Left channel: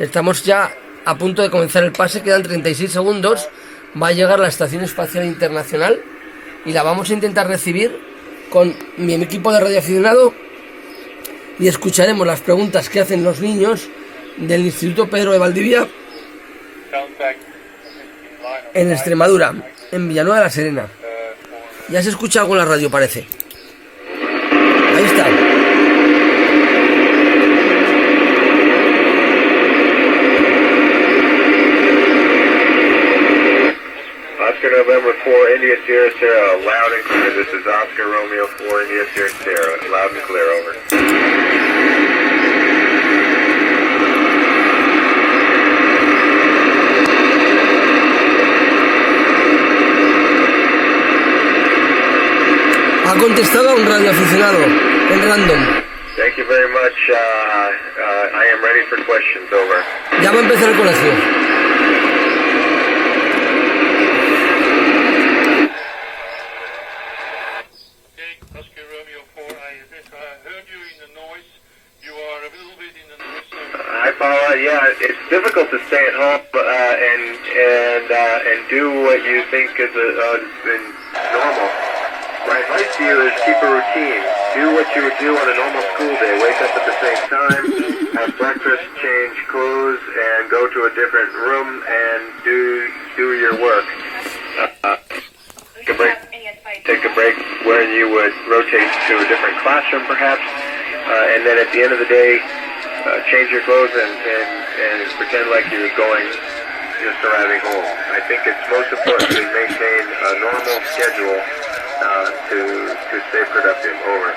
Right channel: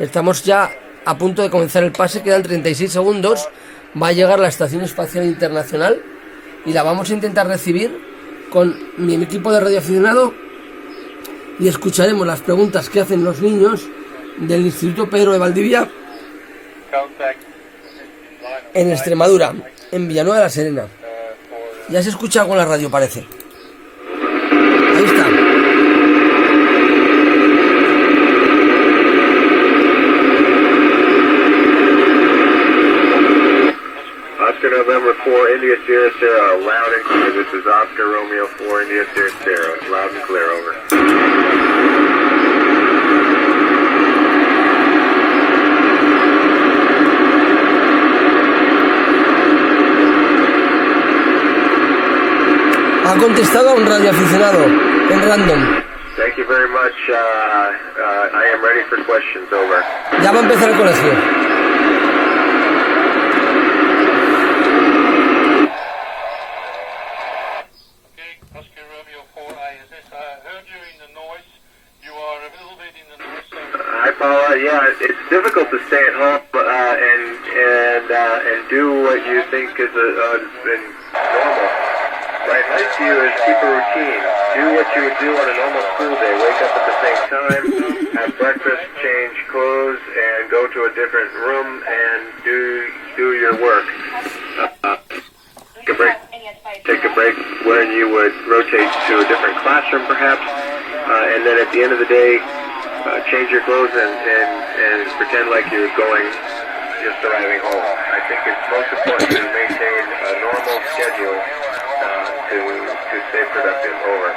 Estamos ya a punto de comenzar el pase, quedan 36 segundos. Va a llegar la estación espacial internacional y la vamos a intentar recibir con mi equipo de radioaficionado y escucharemos las preguntas que hacen los niños del Instituto Pedro de Valdivia en Extremadura, en Villanueva de la Serena. Ya se escucha algo en la radio, parece. Ahí está. Oscar November 4, India Sierra Sierra, loud and clear. This is Oscar Romeo 4, India Sierra Sierra, loud and clear, over. Ha contestado a un radioaficionado en random. Thank you very much. I am ready for questions, over. Ya va a empezar el colegio. Oscar Romeo 4 ISS. I heard you in the noise. You are a little bit in the noise. Hi, Paula. Yeah, it's difficult to stay at home and do what you think is normal. My advice to you is keep a routine. Do what you would do on a normal school day. Wake up at the same time, have breakfast, change clothes, and go to a different room and do your work. Take a break when you would rotate to a different classroom, perhaps, and then at the end of the day, change your clothes and pretend like you're just arriving home. I think it's most important to maintain a normal schedule to stay productive, over.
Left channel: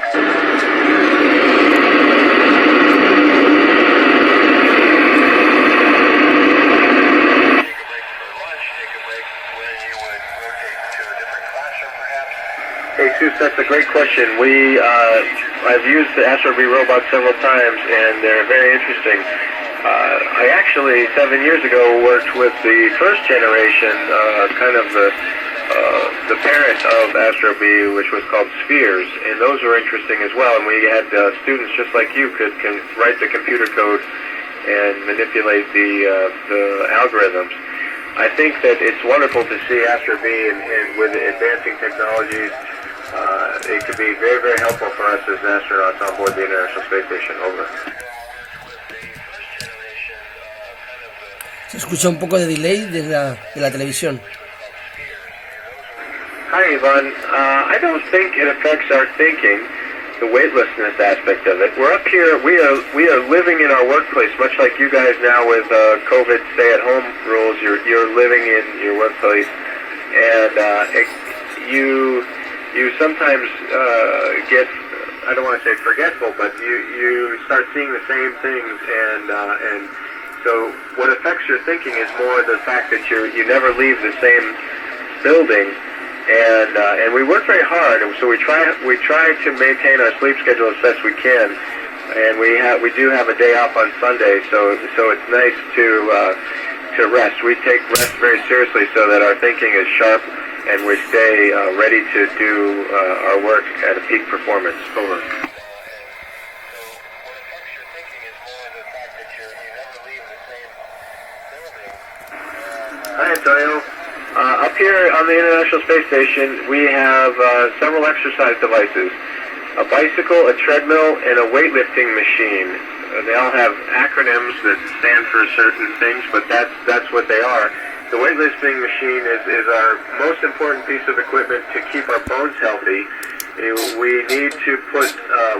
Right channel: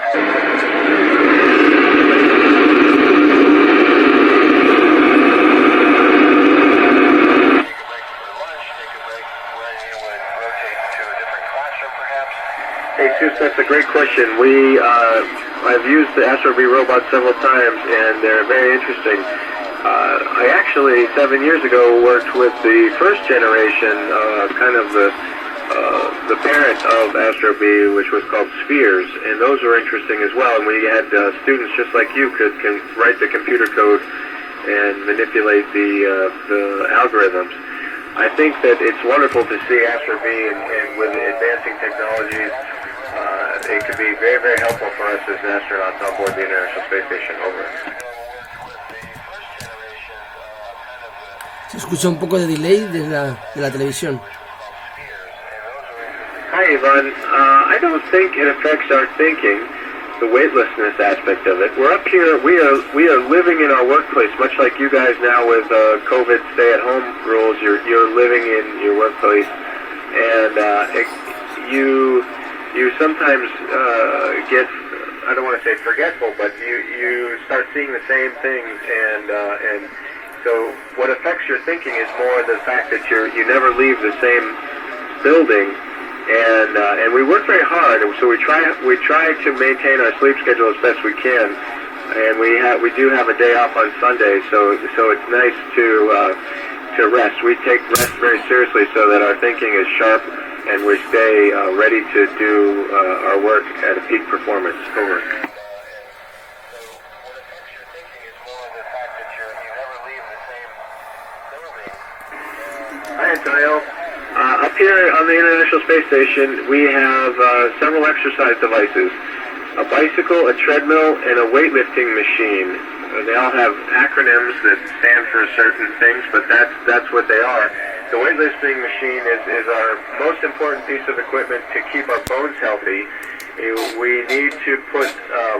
Hey, Seuss, that's a great question. I've used the Astro V robot several times, and they're very interesting. I actually, 7 years ago, worked with the first generation, kind of the parent of Astro B, which was called Spheres, and those were interesting as well. And we had students just like you can write the computer code and manipulate the algorithms. I think that it's wonderful to see Astro B and with advancing technologies. It could be very, very helpful for us as astronauts on board the International Space Station, over. Se escucha un poco de delay de la televisión. Hi, Ivan. I don't think it affects our thinking, the weightlessness aspect of it. We're up here. We are living in our workplace, much like you guys now with COVID stay-at-home rules. You're living in your workplace, and you sometimes get, I don't want to say forgetful, but you start seeing the same things, and so what affects your thinking is more the fact that you never leave the same building. And we work very hard, and so we try to maintain our sleep schedule as best we can, and we do have a day off on Sunday, so it's nice to rest. We take rest very seriously so that our thinking is sharp and we stay ready to do our work at a peak performance, over. Hi, Antonio. Up here on the International Space Station, we have several exercise devices, a bicycle, a treadmill, and a weightlifting machine. They all have acronyms that stand for certain things, but that's what they are. The weightlifting machine is our most important piece of equipment to keep our bones healthy. We need to put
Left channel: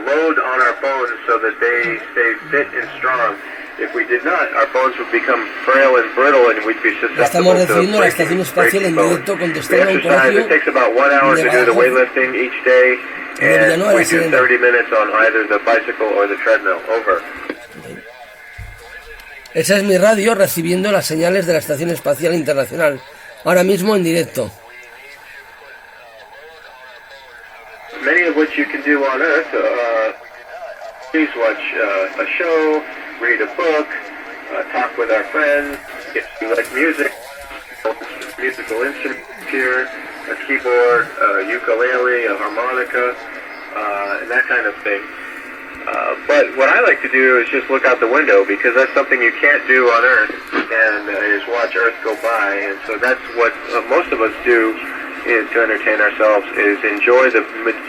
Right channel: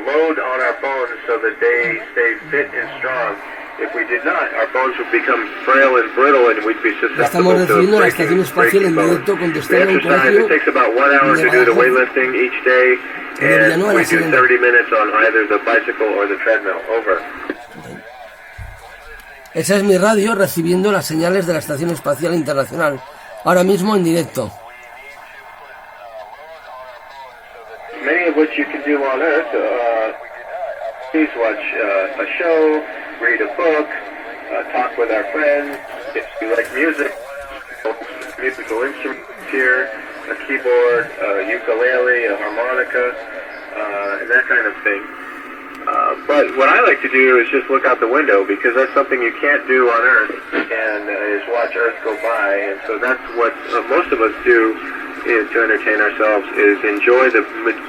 load on our bones so that they stay fit and strong. If we did not, our bones would become frail and brittle, and we'd be susceptible Estamos to recibiendo la estación espacial en directo, contestando a un colegio. It takes about 1 hour to do the weightlifting each day, and we do 30 minutes on either the bicycle or the treadmill, over. Esa es mi radio recibiendo las señales de la estación espacial internacional, ahora mismo en directo. Many of which you can do on Earth. Please watch a show, read a book, talk with our friends. If you like music, musical instruments here, a keyboard, a ukulele, a harmonica, and that kind of thing. But what I like to do is just look out the window, because that's something you can't do on Earth, and is watch Earth go by. And so that's what most of us do, is to entertain ourselves, is enjoy the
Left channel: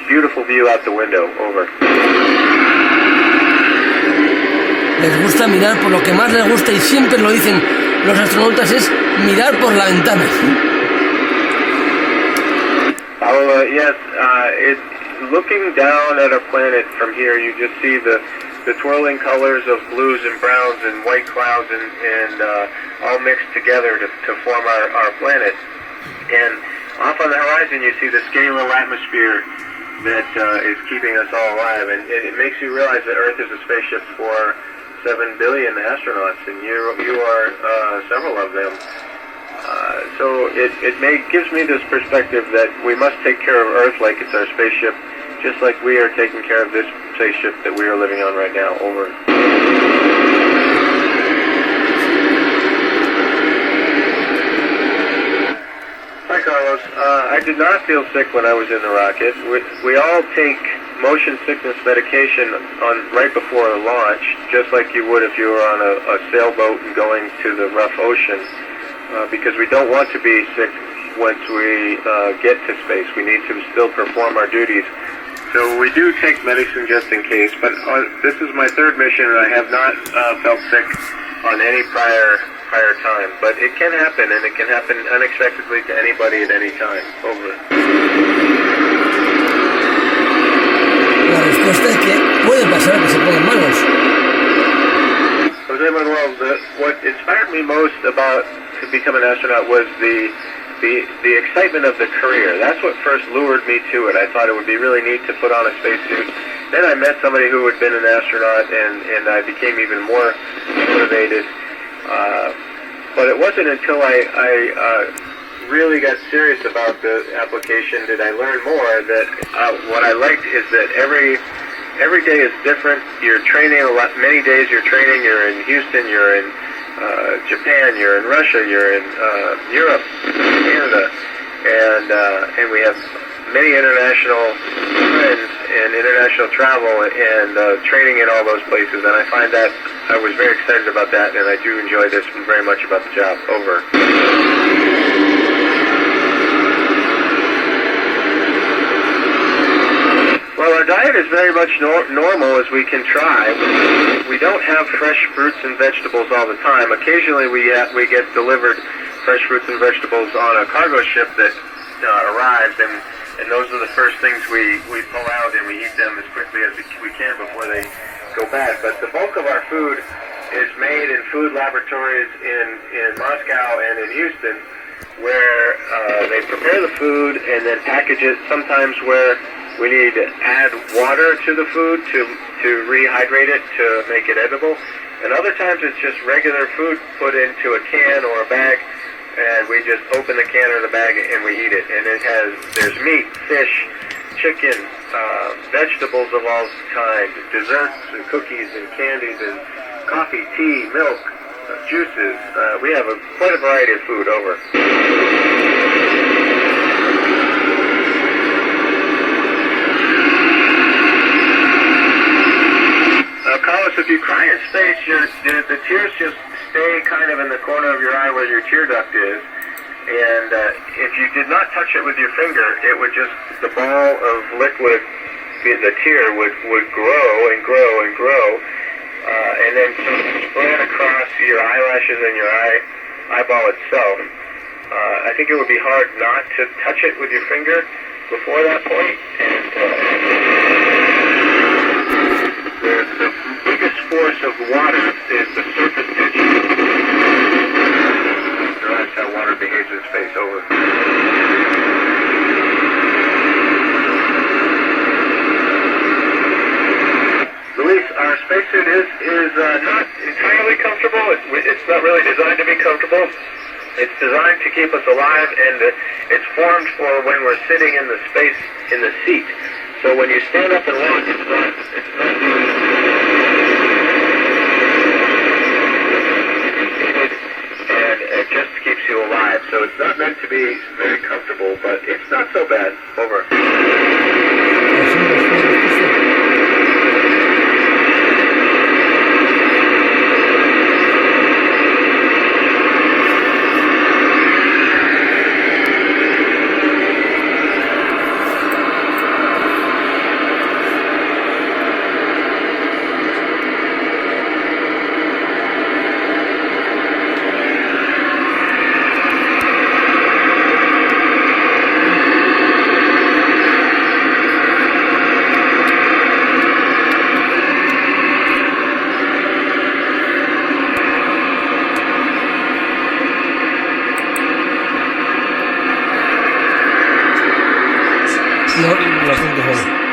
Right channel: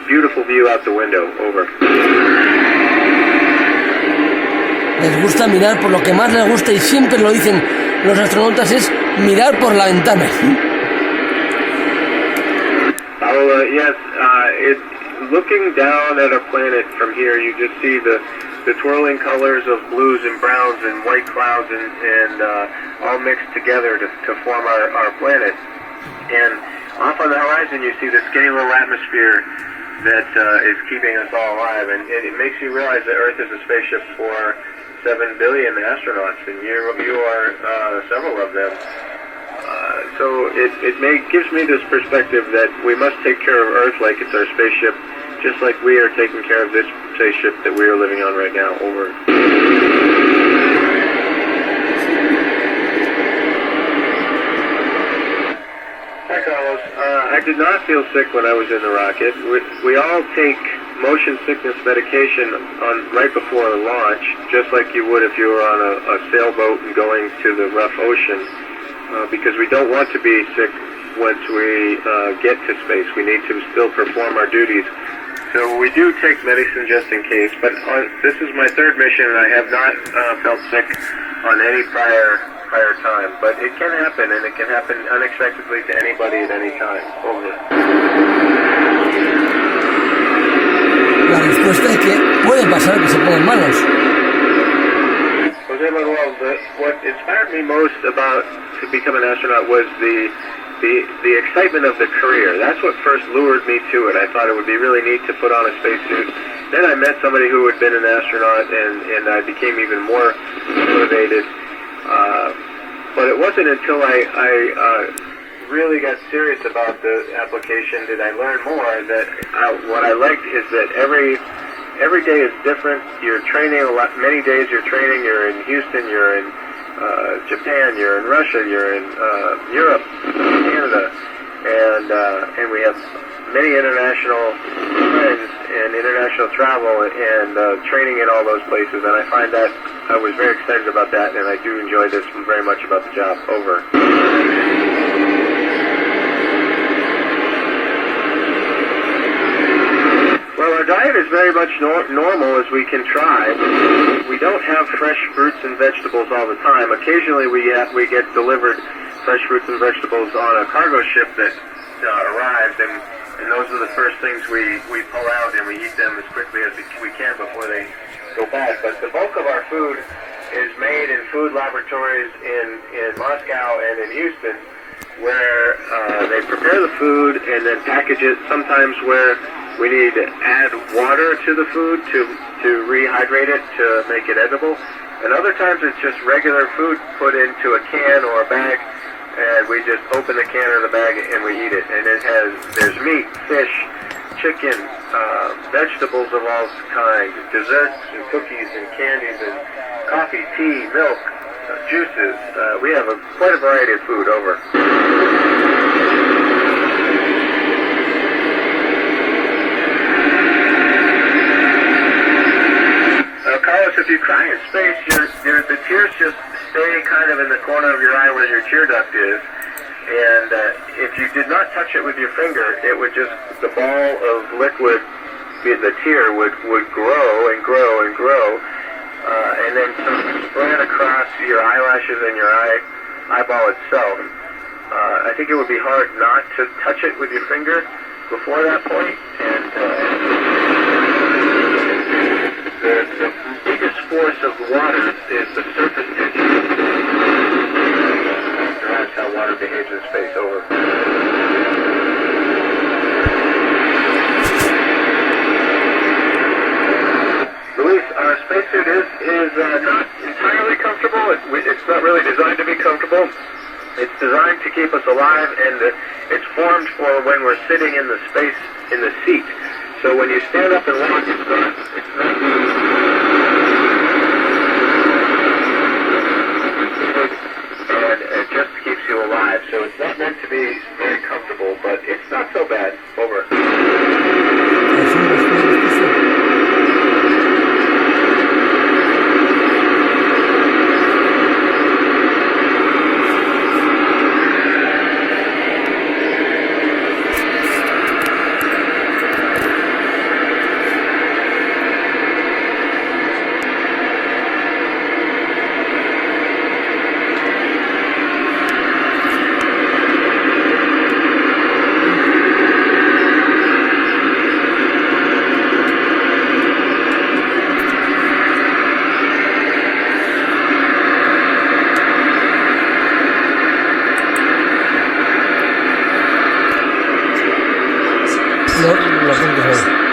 beautiful view out the window. Over. Les gusta mirar, por lo que más les gusta, y siempre lo dicen los astronautas, es mirar por la ventana. Yes, looking down at a planet from here, you just see the twirling colors of blues and browns and white clouds and all mixed together to form our planet. And off on the horizon, you see the skinny little atmosphere that is keeping us all alive. And it makes you realize that Earth is a spaceship for 7 billion astronauts, and you are several of them. So it gives me this perspective that we must take care of Earth like it's our spaceship, just like we are taking care of this spaceship that we are living on right now. Over. Hi, Carlos. I did not feel sick when I was in the rocket. We all take motion sickness medication right before a launch, just like you would if you were on a sailboat and going to the rough ocean. Because we don't want to be sick once we get to space. We need to still perform our duties. So we do take medicine just in case, but this is my third mission, and I have not felt sick on any prior time. But it can happen, and it can happen unexpectedly to anybody at any time. Over. La respuesta es que puede pasar que se pongan malos. Jose Manuel, what inspired me most about to become an astronaut was the excitement of the career. That's what first lured me to it. I thought it would be really neat to put on a spacesuit. Then I met somebody who had been an astronaut, and I became even more motivated. But it wasn't until I really got serious about the application did I learn more that what I liked is that every day is different. You're training many days you're training. You're in Houston, you're in Japan, you're in Russia, you're in Europe, Canada, and we have many international friends and international travel and training in all those places. And I find that I was very excited about that, and I do enjoy this very much about the job. Over. Well, our diet is very much normal as we can try. We don't have fresh fruits and vegetables all the time. Occasionally we get delivered fresh fruits and vegetables on a cargo ship that arrives, and those are the first things we pull out, and we eat them as quickly as we can before they go bad. But the bulk of our food is made in food laboratories in Moscow and in Houston, where they prepare the food and then package it, sometimes where we need to add water to the food to rehydrate it to make it edible. And other times it's just regular food put into a can or a bag, and we just open the can or the bag and we eat it. And there's meat, fish, chicken, vegetables of all kinds, desserts and cookies and candies and coffee, tea, milk, juices. We have quite a variety of food. Over. Carlos, if you cry in space, the tears just stay kind of in the corner of your eye where your tear duct is. And if you did not touch it with your finger, it would just, the ball of liquid, the tear would grow and grow and grow. And then spread across your eyelashes and your eyeball itself. I think it would be hard not to touch it with your finger before that point. And the biggest force of water is the surface tension. That's how water behaves in space. Over. Luis, our spacesuit is not entirely comfortable. It's not really designed to be comfortable. It's designed to keep us alive, and it's formed for when we're sitting in the space in the seat. So when you stand up and walk, it's not and it just keeps you alive. So it's not meant to be very comfortable, but it's not so bad. Over. bastantes ahí.